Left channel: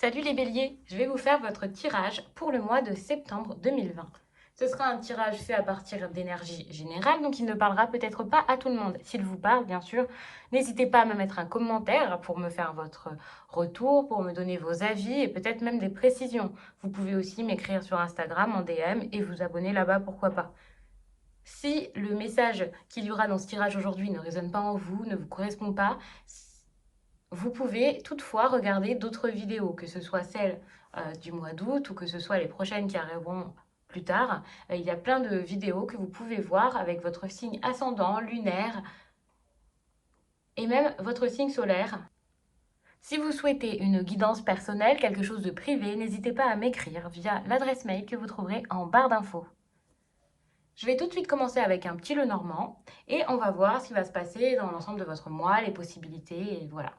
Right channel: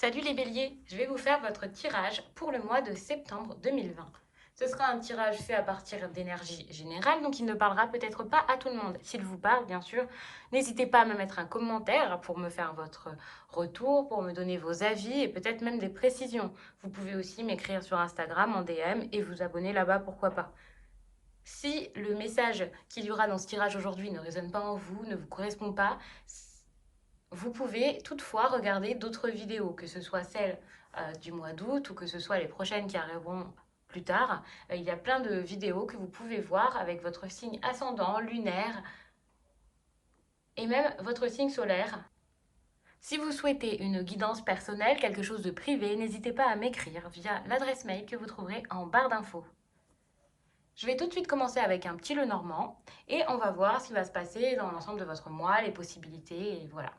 Salut les béliers, je vais vous faire votre tirage pour le mois de septembre 2020. Ce sera un tirage fait à partir d'énergie générale, donc il ne parlera peut-être pas à tout le monde. S'il vous parle, bien sûr, n'hésitez pas à me mettre un commentaire pour me faire votre retour, pour me donner vos avis et peut-être même des précisions. Vous pouvez aussi m'écrire sur Instagram en DM et vous abonner là-bas, pourquoi pas. Si le message qu'il y aura dans ce tirage aujourd'hui ne résonne pas en vous, ne vous correspond pas, vous pouvez toutefois regarder d'autres vidéos, que ce soit celles du mois d'août ou que ce soit les prochaines qui arriveront plus tard. Il y a plein de vidéos que vous pouvez voir avec votre signe ascendant, lunaire et même votre signe solaire. Si vous souhaitez une guidance personnelle, quelque chose de privé, n'hésitez pas à m'écrire via l'adresse mail que vous trouverez en barre d'infos. Je vais tout de suite commencer avec un petit Lenormand et on va voir ce qui va se passer dans l'ensemble de votre mois, les possibilités et voilà.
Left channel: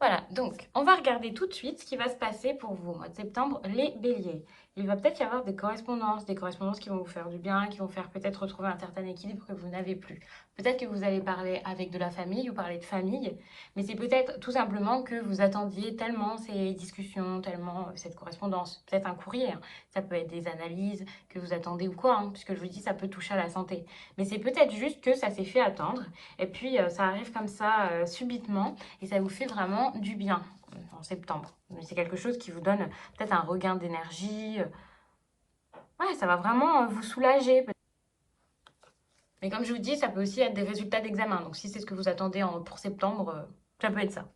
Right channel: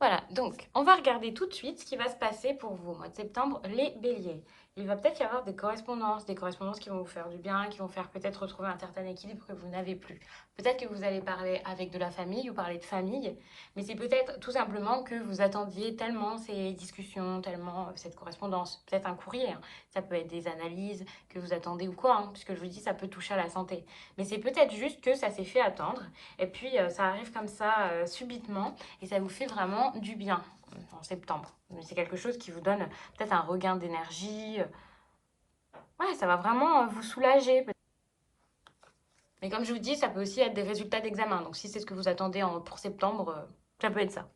Voilà, donc on va regarder tout de suite ce qui va se passer pour vous au mois de septembre, les béliers. Il va peut-être y avoir des correspondances qui vont vous faire du bien, qui vont faire peut-être retrouver un certain équilibre que vous n'avez plus. Peut-être que vous allez parler avec de la famille ou parler de famille, mais c'est peut-être tout simplement que vous attendiez tellement ces discussions, tellement cette correspondance, peut-être un courrier, hein. Ça peut être des analyses que vous attendez ou quoi, hein, puisque je vous dis ça peut toucher à la santé. Mais c'est peut-être juste que ça s'est fait attendre, et puis ça arrive comme ça subitement, et ça vous fait vraiment du bien en septembre. Mais c'est quelque chose qui vous donne peut-être un regain d'énergie. Ouais, ça va vraiment vous soulager. Mais comme je vous dis, ça peut aussi être des résultats d'examen. Donc si c'est ce que vous attendez pour septembre, ça peut être ça.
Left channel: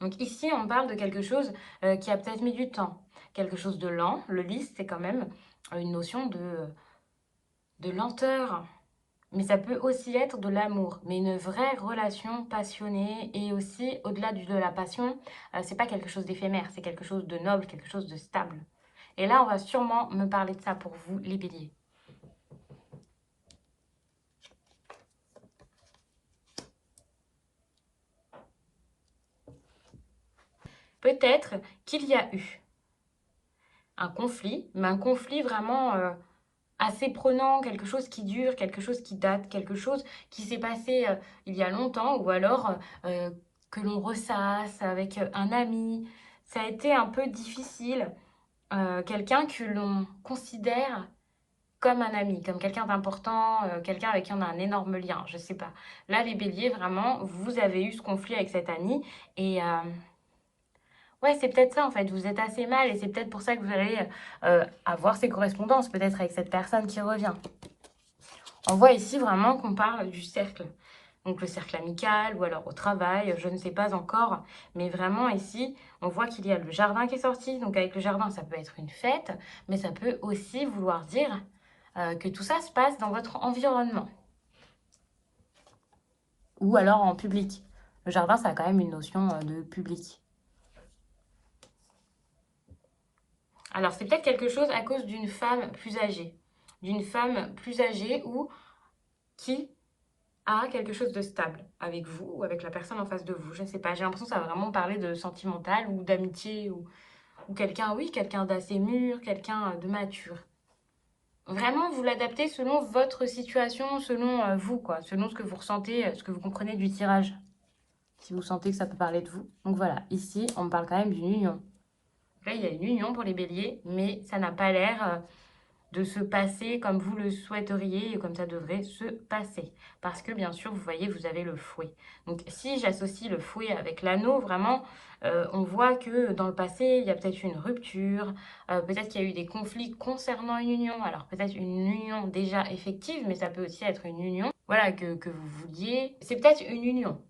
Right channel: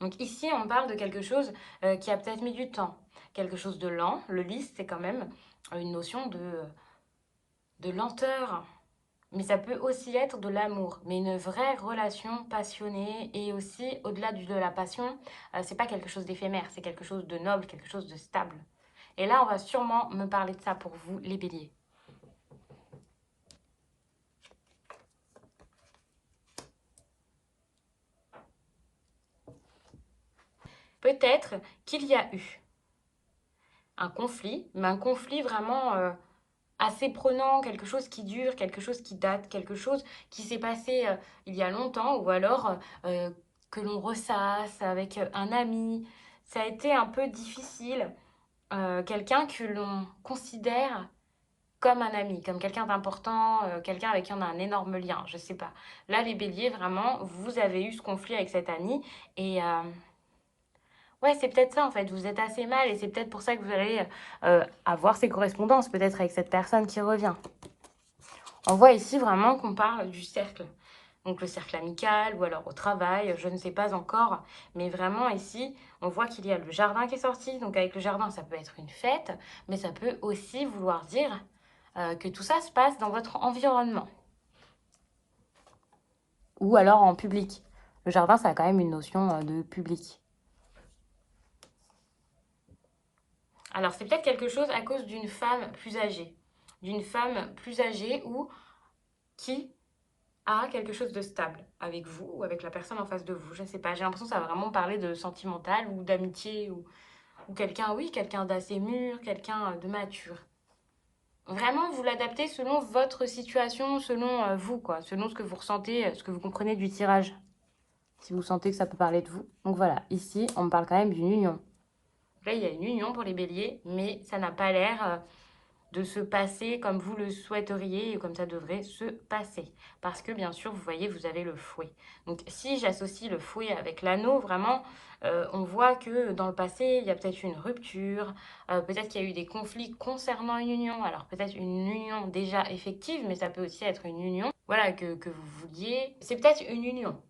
Donc ici, on parle de quelque chose qui a peut-être mis du temps. Quelque chose de lent. Le lys, c'est quand même une notion de lenteur. Mais ça peut aussi être de l'amour, mais une vraie relation passionnée et aussi au-delà de la passion, c'est pas quelque chose d'éphémère, c'est quelque chose de noble, quelque chose de stable. Et là, on va sûrement me parler de ça pour vous, les béliers. Peut-être qu'il y a eu un conflit, mais un conflit vraiment assez prenant, quelque chose qui dure, quelque chose qui date, quelque chose qui s'est passé il y a longtemps, ou alors que l'on ressasse avec un ami. Ça a été un peu difficile. Quelqu'un que l'on considère comme un ami, comme quelqu'un d'important, quelqu'un avec qui on a un énorme lien, je sais pas. Là, les béliers, vraiment, vous avez eu ce conflit avec cet ami et ouais, c'est peut-être ça en fait, vous êtes assez mal et c'est peut-être pour ça que vous allez avoir ces correspondances, peut-être avec cette personne qui revient. On voit ici vraiment qu'on parle du cercle. Donc le cercle amical ou alors au travail, je ne sais pas encore. Mais vraiment ici, on voit qu'il y a le jardin qui est sorti. Donc avec le jardin, ça peut être une fête, mais ça peut aussi vouloir dire que tout ça se passe dans votre environnement. Ou alors en public. Le jardin, ça a quand même une notion de public. Alors c'est peut-être quelque chose à cause d'une femme plus âgée. D'une femme plus âgée ou qui à quelque chose de stable avec vous ou avec la personne en face de vous. Je ne sais pas, j'ai l'impression que ça va vraiment parler de sentimental ou d'amitié ou quelqu'un, oui, quelqu'un d'assez mûr, quelqu'un de mature. Vraiment, vous l'adaptez selon votre situation, selon vous, quoi, selon ce que vous ressentez, ce que vous comprenez du tirage. Si vous sentez que ça peut parler de vous. Donc voilà, ici, on me parle quand même d'une union. Là, il y a une union pour les béliers, mais ça n'a pas l'air de se passer comme vous le souhaiteriez et comme ça devrait se passer. Parce que bien sûr, vous voyez, vous avez le fouet. Donc si j'associe le fouet avec l'anneau, vraiment, on voit que dans le passé, il y a peut-être une rupture, peut-être qu'il y a eu des conflits concernant une union. Alors peut-être une union déjà effective, mais ça peut aussi être une union, voilà, que vous vouliez. C'est peut-être une union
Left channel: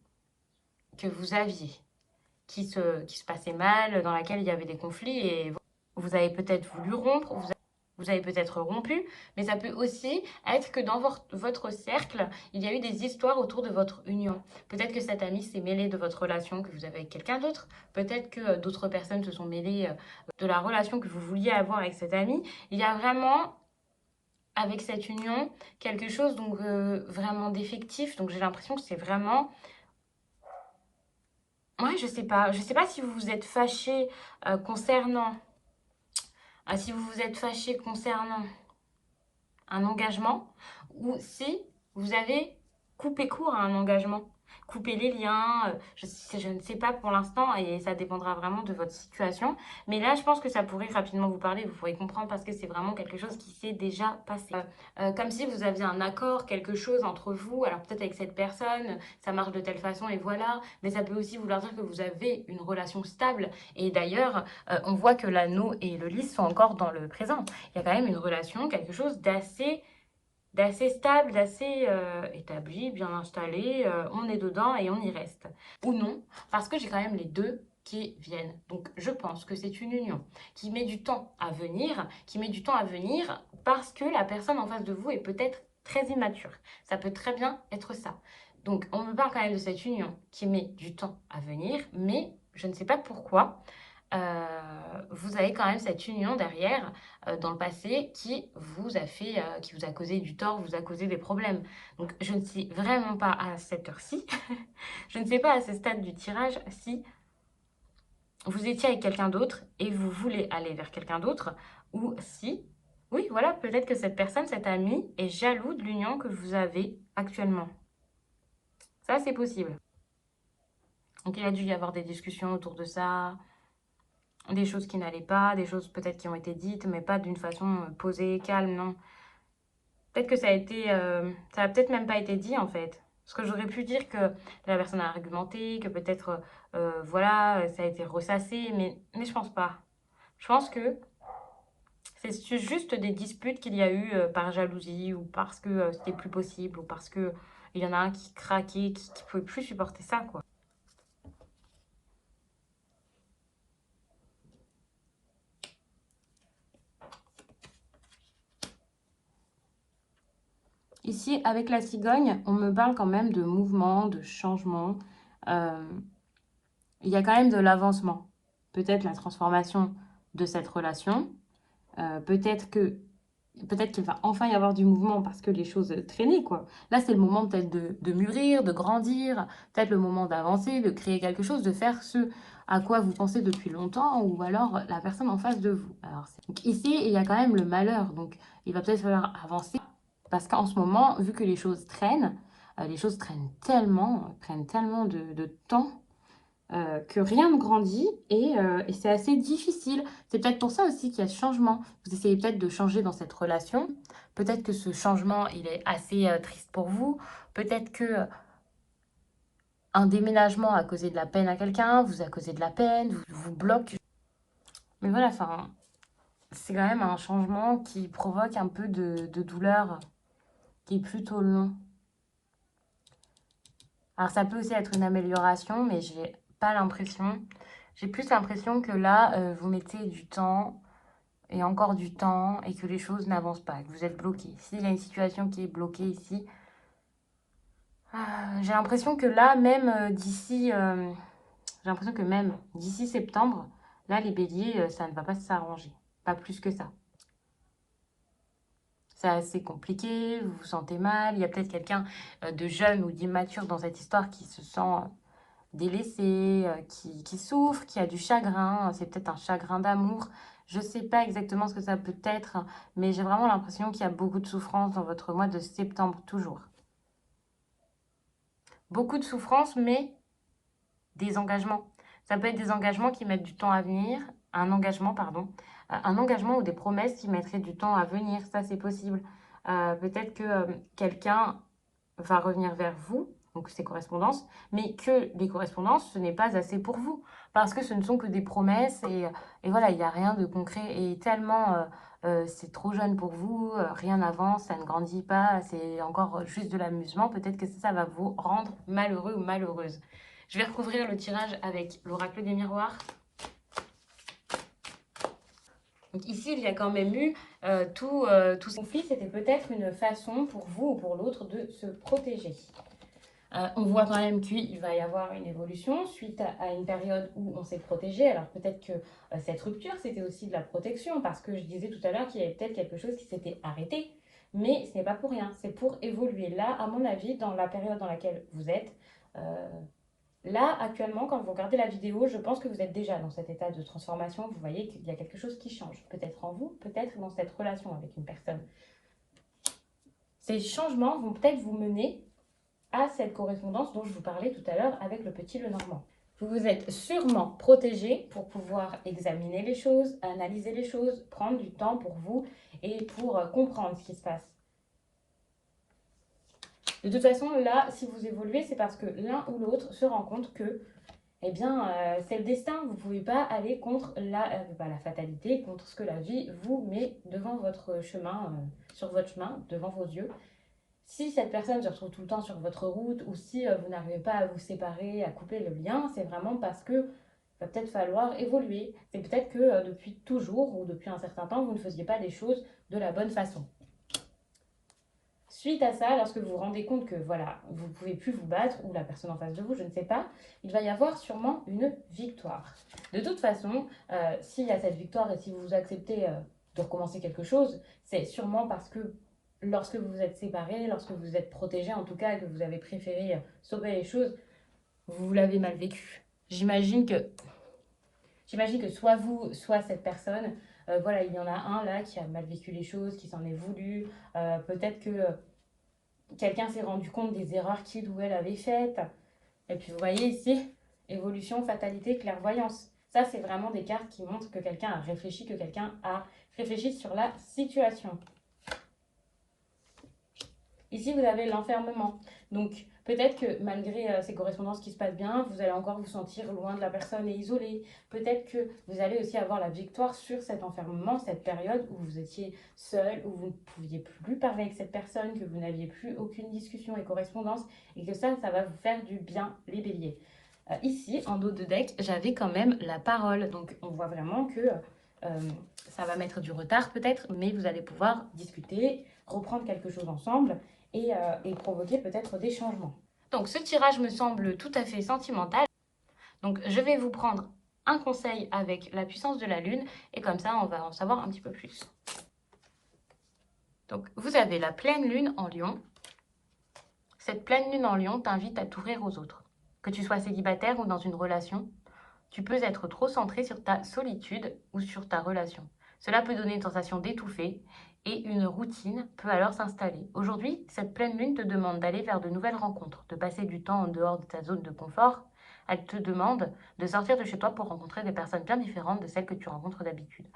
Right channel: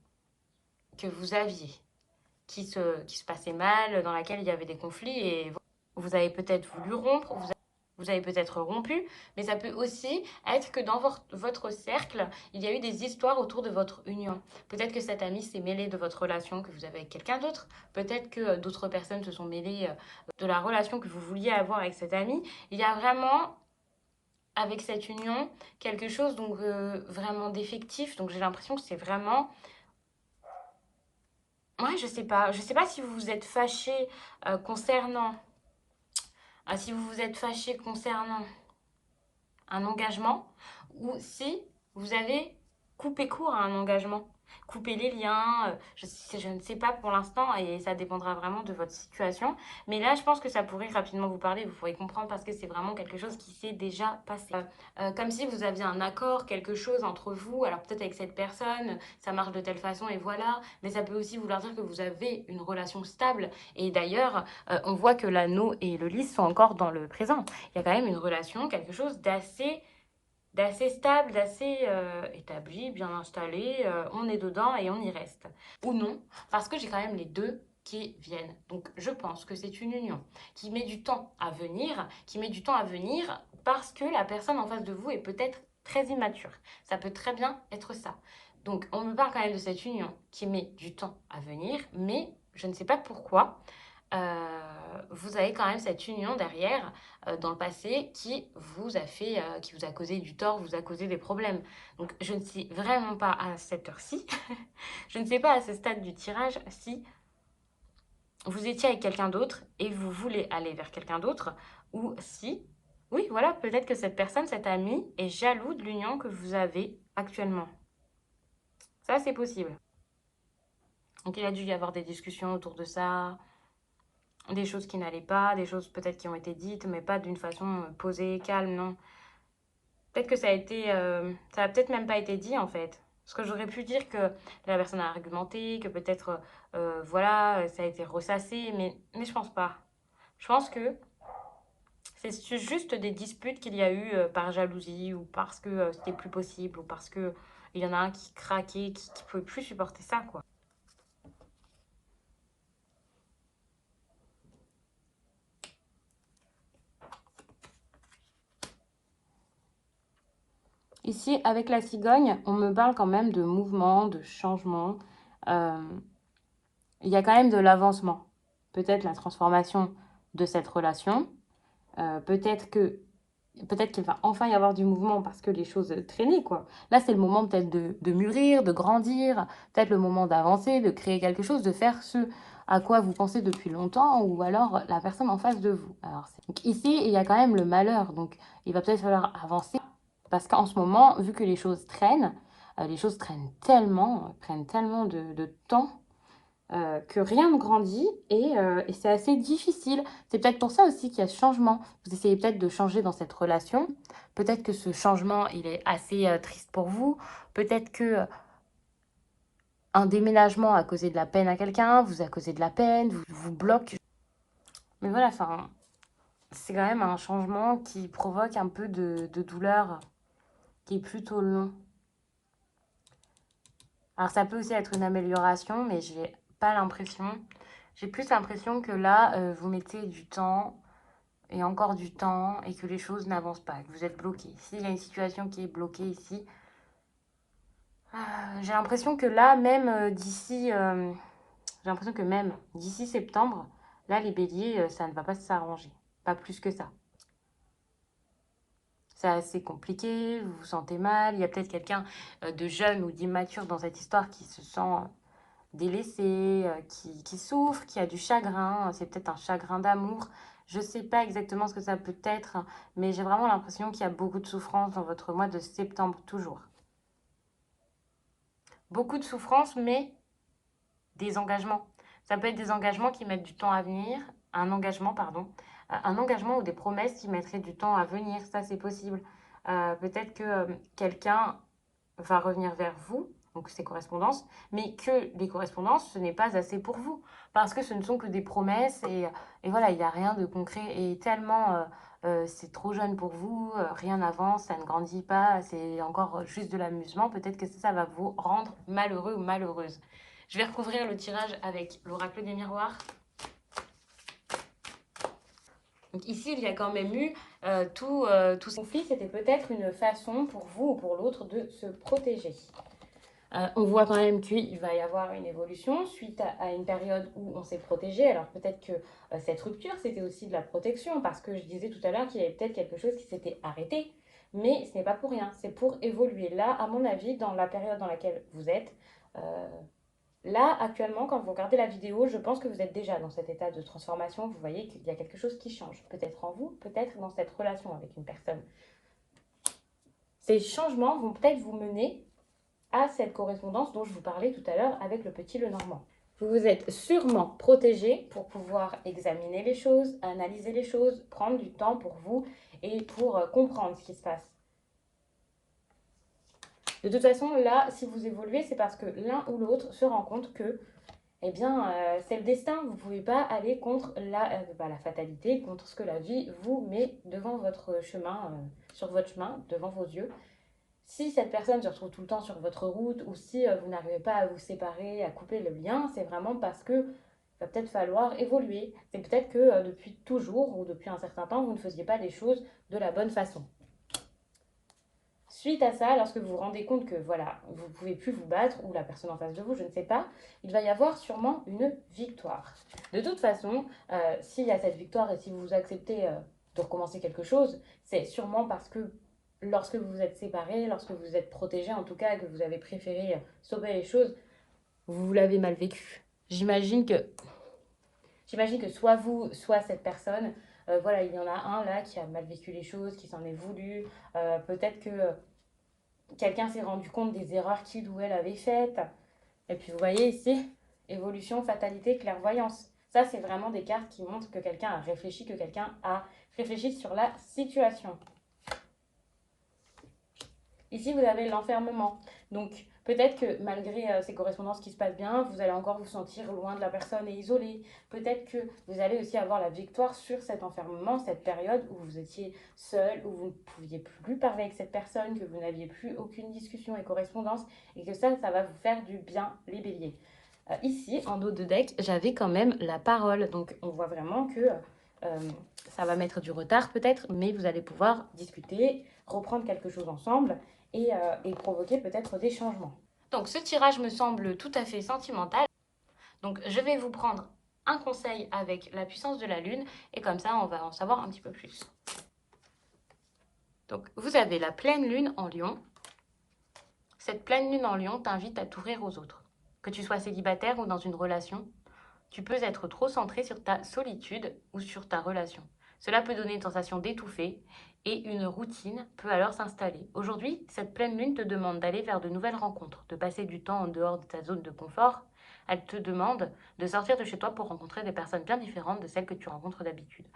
que vous aviez qui se passait mal, dans laquelle il y avait des conflits et vous avez peut-être voulu rompre. vous avez peut-être rompu, mais ça peut aussi être que dans votre cercle, il y a eu des histoires autour de votre union. Peut-être que cet ami s'est mêlé de votre relation que vous avez avec quelqu'un d'autre. Peut-être que d'autres personnes se sont mêlées de la relation que vous vouliez avoir avec cet ami. Il y a vraiment, avec cette union, quelque chose donc vraiment d'effectif. Donc j'ai l'impression que c'est vraiment... Ouais, je sais pas. Je sais pas si vous vous êtes fâché concernant... si vous vous êtes fâché concernant un engagement ou si vous avez coupé court à un engagement, coupé les liens, je ne sais pas pour l'instant et ça dépendra vraiment de votre situation. Mais là, je pense que ça pourrait rapidement vous parler, vous pourrez comprendre parce que c'est vraiment quelque chose qui s'est déjà passé. Comme si vous aviez un accord, quelque chose entre vous, alors peut-être avec cette personne, ça marche de telle façon et voilà, mais ça peut aussi vouloir dire que vous avez une relation stable. Et d'ailleurs, on voit que l'anneau et le lys sont encore dans le présent. Il y a quand même une relation, quelque chose d'assez stable, d'assez établi, bien installé. On est dedans et on y reste. Ou non, parce que j'ai quand même les deux qui viennent. Donc je pense que c'est une union qui met du temps à venir, parce que la personne en face de vous est peut-être très immature. Ça peut très bien être ça. Donc on me parle quand même de cette union qui met du temps à venir, mais je ne sais pas pourquoi vous avez quand même cette union derrière dans le passé qui vous a fait, qui vous a causé du tort, vous a causé des problèmes. Donc je ne sais vraiment pas à cette heure-ci, je ne sais pas à ce stade du tirage si vous étiez avec quelqu'un d'autre et vous voulez aller vers quelqu'un d'autre ou si, oui voilà, peut-être que cette personne, cet ami est jaloux de l'union que vous avez actuellement. Ça c'est possible. Donc il a dû y avoir des discussions autour de ça, des choses qui n'allaient pas, des choses peut-être qui ont été dites, mais pas d'une façon posée, calme, non. Peut-être que ça a été, ça a peut-être même pas été dit en fait. Parce que j'aurais pu dire que la personne a argumenté, que peut-être, voilà, ça a été ressassé, mais je pense pas. Je pense que c'est juste des disputes qu'il y a eu par jalousie ou parce que c'était plus possible ou parce que il y en a un qui craquait, qui pouvait plus supporter ça, quoi. Ici, avec la cigogne, on me parle quand même de mouvement, de changement. Euh, il y a quand même de l'avancement. Peut-être la transformation de cette relation. Peut-être que peut-être qu'il va enfin y avoir du mouvement parce que les choses traînaient, quoi. Là, c'est le moment peut-être de mûrir, de grandir, peut-être le moment d'avancer, de créer quelque chose, de faire ce à quoi vous pensez depuis longtemps ou alors la personne en face de vous. Alors, donc ici, il y a quand même le malheur, donc il va peut-être falloir avancer parce qu'en ce moment, vu que les choses prennent tellement de temps que rien ne grandit et c'est assez difficile. C'est peut-être pour ça aussi qu'il y a ce changement. Vous essayez peut-être de changer dans cette relation. Peut-être que ce changement, il est assez triste pour vous. Peut-être que un déménagement a causé de la peine à quelqu'un, vous a causé de la peine, vous bloque. Mais voilà, enfin, c'est quand même un changement qui provoque un peu de douleur, qui est plutôt long. Alors ça peut aussi être une amélioration, mais j'ai pas l'impression. J'ai plus l'impression que là, vous mettez du temps et encore du temps et que les choses n'avancent pas, que vous êtes bloqué. S'il y a une situation qui est bloquée ici, j'ai l'impression que là, même j'ai l'impression que même d'ici septembre, là, les béliers, ça ne va pas s'arranger. Pas plus que ça. C'est assez compliqué, vous vous sentez mal, il y a peut-être quelqu'un de jeune ou d'immature dans cette histoire qui se sent délaissé, qui souffre, qui a du chagrin, c'est peut-être un chagrin d'amour. Je ne sais pas exactement ce que ça peut être, mais j'ai vraiment l'impression qu'il y a beaucoup de souffrance dans votre mois de septembre, toujours. Beaucoup de souffrance, mais des engagements. Ça peut être des engagements qui mettent du temps à venir, un engagement, pardon, un engagement ou des promesses qui mettraient du temps à venir, ça c'est possible. Peut-être que quelqu'un va revenir vers vous, donc ces correspondances, mais que les correspondances, ce n'est pas assez pour vous, parce que ce ne sont que des promesses et voilà, il n'y a rien de concret et tellement c'est trop jeune pour vous, rien n'avance, ça ne grandit pas, c'est encore juste de l'amusement, peut-être que ça va vous rendre malheureux ou malheureuse. Je vais recouvrir le tirage avec l'oracle des miroirs. Donc ici, il y a quand même eu tout ce conflit, c'était peut-être une façon pour vous ou pour l'autre de se protéger. On voit quand même qu'il va y avoir une évolution suite à une période où on s'est protégé. Alors peut-être que cette rupture, c'était aussi de la protection, parce que je disais tout à l'heure qu'il y avait peut-être quelque chose qui s'était arrêté, mais ce n'est pas pour rien, c'est pour évoluer. Là, à mon avis, dans la période dans laquelle vous êtes, euh, là, actuellement, quand vous regardez la vidéo, je pense que vous êtes déjà dans cet état de transformation. Vous voyez qu'il y a quelque chose qui change, peut-être en vous, peut-être dans cette relation avec une personne. Ces changements vont peut-être vous mener à cette correspondance dont je vous parlais tout à l'heure avec le petit Lenormand. Vous vous êtes sûrement protégé pour pouvoir examiner les choses, analyser les choses, prendre du temps pour vous et pour comprendre ce qui se passe. De toute façon, là, si vous évoluez, c'est parce que l'un ou l'autre se rend compte que eh bien, c'est le destin. Vous ne pouvez pas aller contre la fatalité, contre ce que la vie vous met devant votre chemin, sur votre chemin, devant vos yeux. Si cette personne se retrouve tout le temps sur votre route ou si vous n'arrivez pas à vous séparer, à couper le lien, c'est vraiment parce que va peut-être falloir évoluer. C'est peut-être que depuis toujours ou depuis un certain temps, vous ne faisiez pas les choses de la bonne façon. Suite à ça, lorsque vous vous rendez compte que voilà, vous ne pouvez plus vous battre, ou la personne en face de vous, je ne sais pas, il va y avoir sûrement une victoire. De toute façon, s'il y a cette victoire et si vous acceptez de recommencer quelque chose, c'est sûrement parce que lorsque vous vous êtes séparés, lorsque vous vous êtes protégés en tout cas, que vous avez préféré sauver les choses, vous l'avez mal vécu. J'imagine que soit vous, soit cette personne, voilà, il y en a un là qui a mal vécu les choses, qui s'en est voulu. Peut-être que quelqu'un s'est rendu compte des erreurs qu'il ou elle avait faites. Et puis vous voyez ici, évolution, fatalité, clairvoyance. Ça, c'est vraiment des cartes qui montrent que quelqu'un a réfléchi, que quelqu'un a réfléchi sur la situation. Ici, vous avez l'enfermement. Donc, peut-être que malgré ces correspondances qui se passent bien, vous allez encore vous sentir loin de la personne et isolé. Peut-être que vous allez aussi avoir la victoire sur cet enfermement, cette période où vous étiez seul, où vous ne pouviez plus parler avec cette personne, que vous n'aviez plus aucune discussion et correspondance, et que ça va vous faire du bien, les béliers. Ici, en dos de deck, j'avais quand même la parole. Donc, on voit vraiment que ça va mettre du retard peut-être, mais vous allez pouvoir discuter, reprendre quelque chose ensemble et provoquer peut-être des changements. Donc, ce tirage me semble tout à fait sentimental. Donc, je vais vous prendre un conseil avec la puissance de la lune et comme ça, on va en savoir un petit peu plus. Donc, vous avez la pleine lune en lion. Cette pleine lune en lion t'invite à t'ouvrir aux autres. Que tu sois célibataire ou dans une relation, tu peux être trop centré sur ta solitude ou sur ta relation. Cela peut donner une sensation d'étouffer et une routine peut alors s'installer. Aujourd'hui, cette pleine lune te demande d'aller vers de nouvelles rencontres, de passer du temps en dehors de ta zone de confort. Elle te demande de sortir de chez toi pour rencontrer des personnes bien différentes de celles que tu rencontres d'habitude.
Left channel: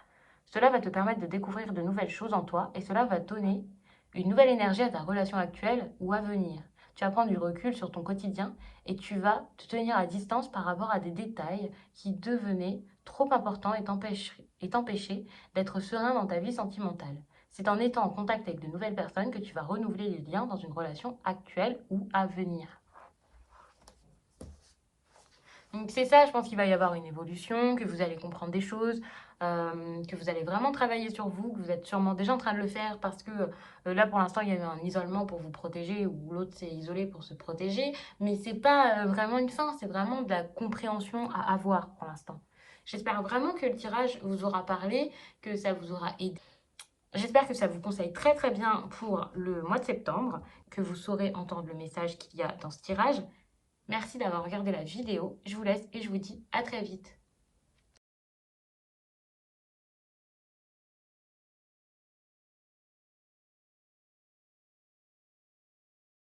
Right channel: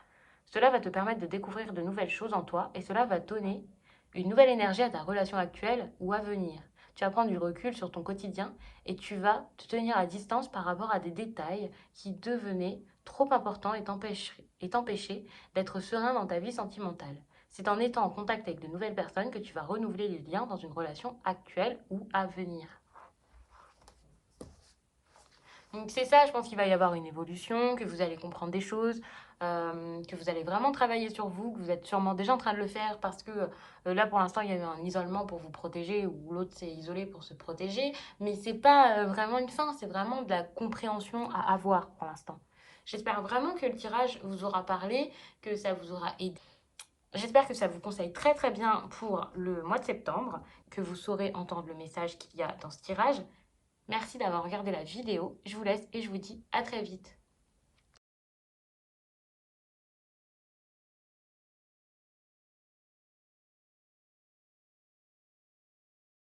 Cela va te permettre de découvrir de nouvelles choses en toi et cela va donner une nouvelle énergie à ta relation actuelle ou à venir. Tu vas prendre du recul sur ton quotidien et tu vas te tenir à distance par rapport à des détails qui devenaient trop importants et t'empêcher d'être serein dans ta vie sentimentale. C'est en étant en contact avec de nouvelles personnes que tu vas renouveler les liens dans une relation actuelle ou à venir. Donc c'est ça, je pense qu'il va y avoir une évolution, que vous allez comprendre des choses, que vous allez vraiment travailler sur vous, que vous êtes sûrement déjà en train de le faire parce que là pour l'instant il y a eu un isolement pour vous protéger ou l'autre s'est isolé pour se protéger, mais c'est pas vraiment une fin, c'est vraiment de la compréhension à avoir pour l'instant. J'espère vraiment que le tirage vous aura parlé, que ça vous aura aidé. J'espère que ça vous conseille très très bien pour le mois de septembre, que vous saurez entendre le message qu'il y a dans ce tirage. Merci d'avoir regardé la vidéo, je vous laisse et je vous dis à très vite.